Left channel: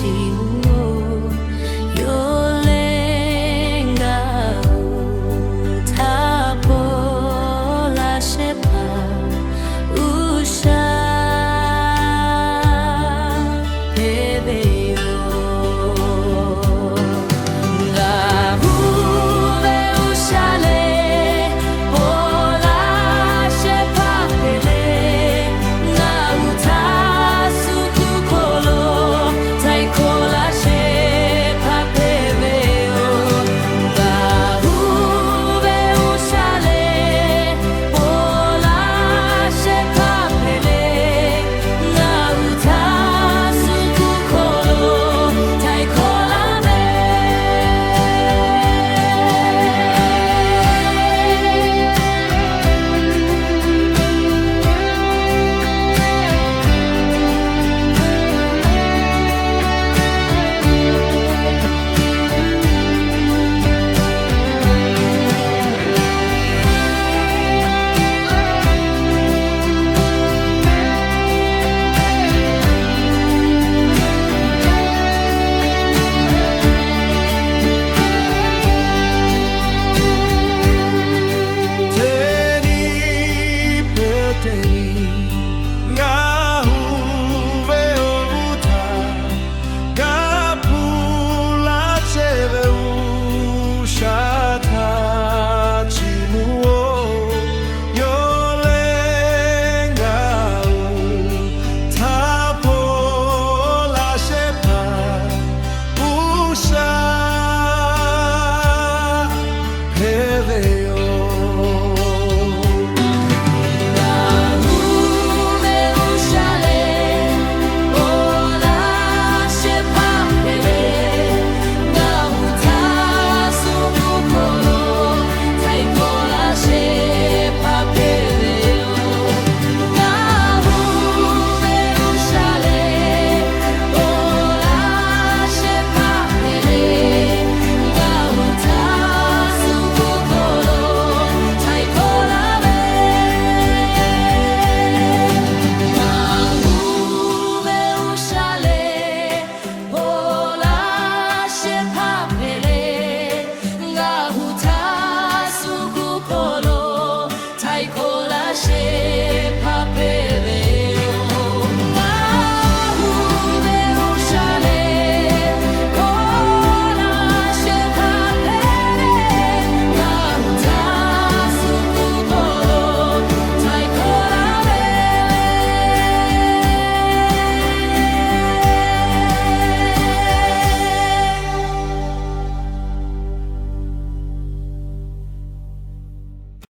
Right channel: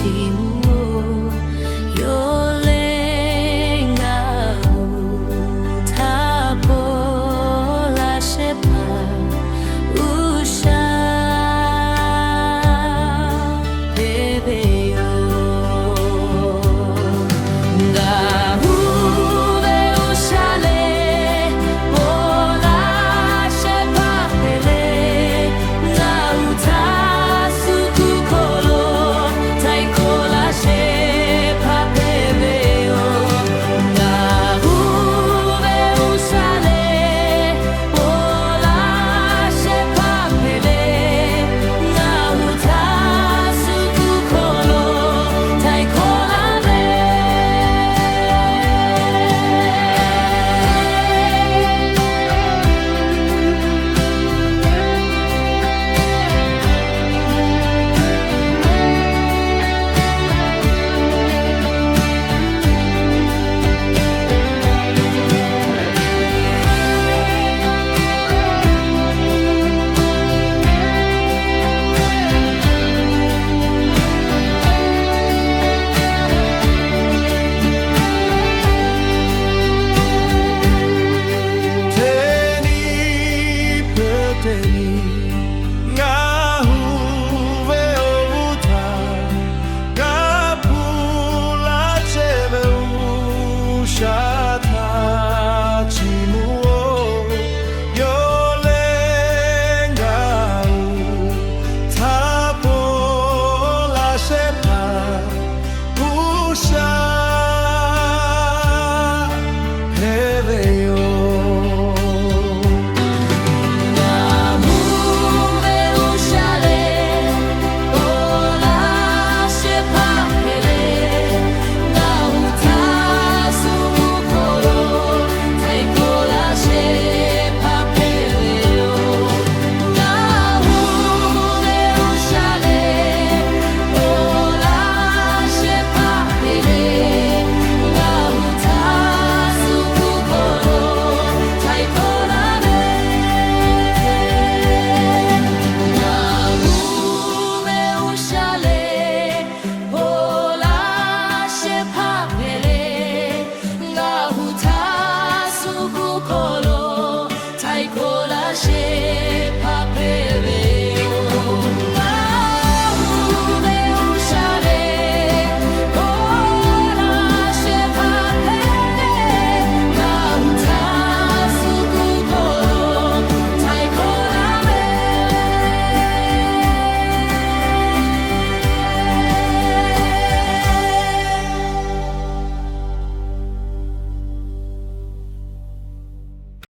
chimuo yolenga utapola shepa usha peveyo ngahuve ushale pola shepa pele nga utasukukolo taikola shepa peveyo ngahuve ushale pola shepa pele nga utasukukolo taikola Teni ngahuve ovuta gapula cheve ushata chimuo yolenga utapola shepa usha peveyo Taikola she